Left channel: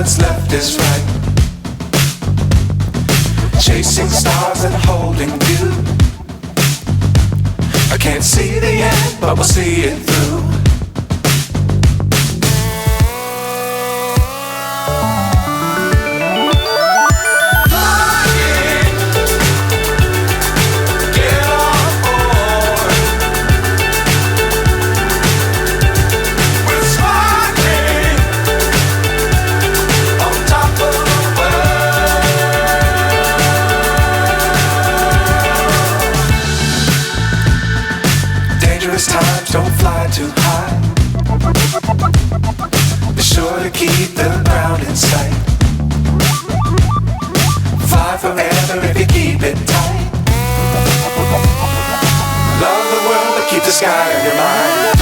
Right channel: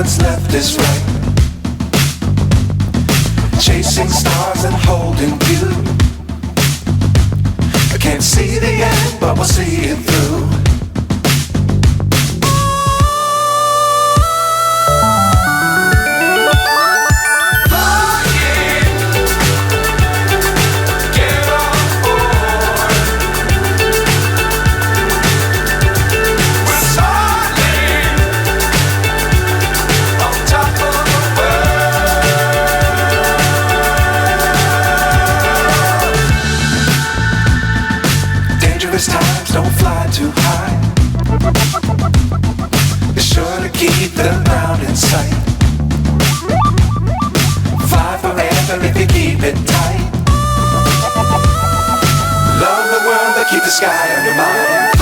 what's left is right. Chasing stars and holding you. I can't see the end, but we'll see it through. Times don't fly too high. Be sure to keep the ground in sight. Fly forever if you keep it tight. Love the world but keep the sky on your mind.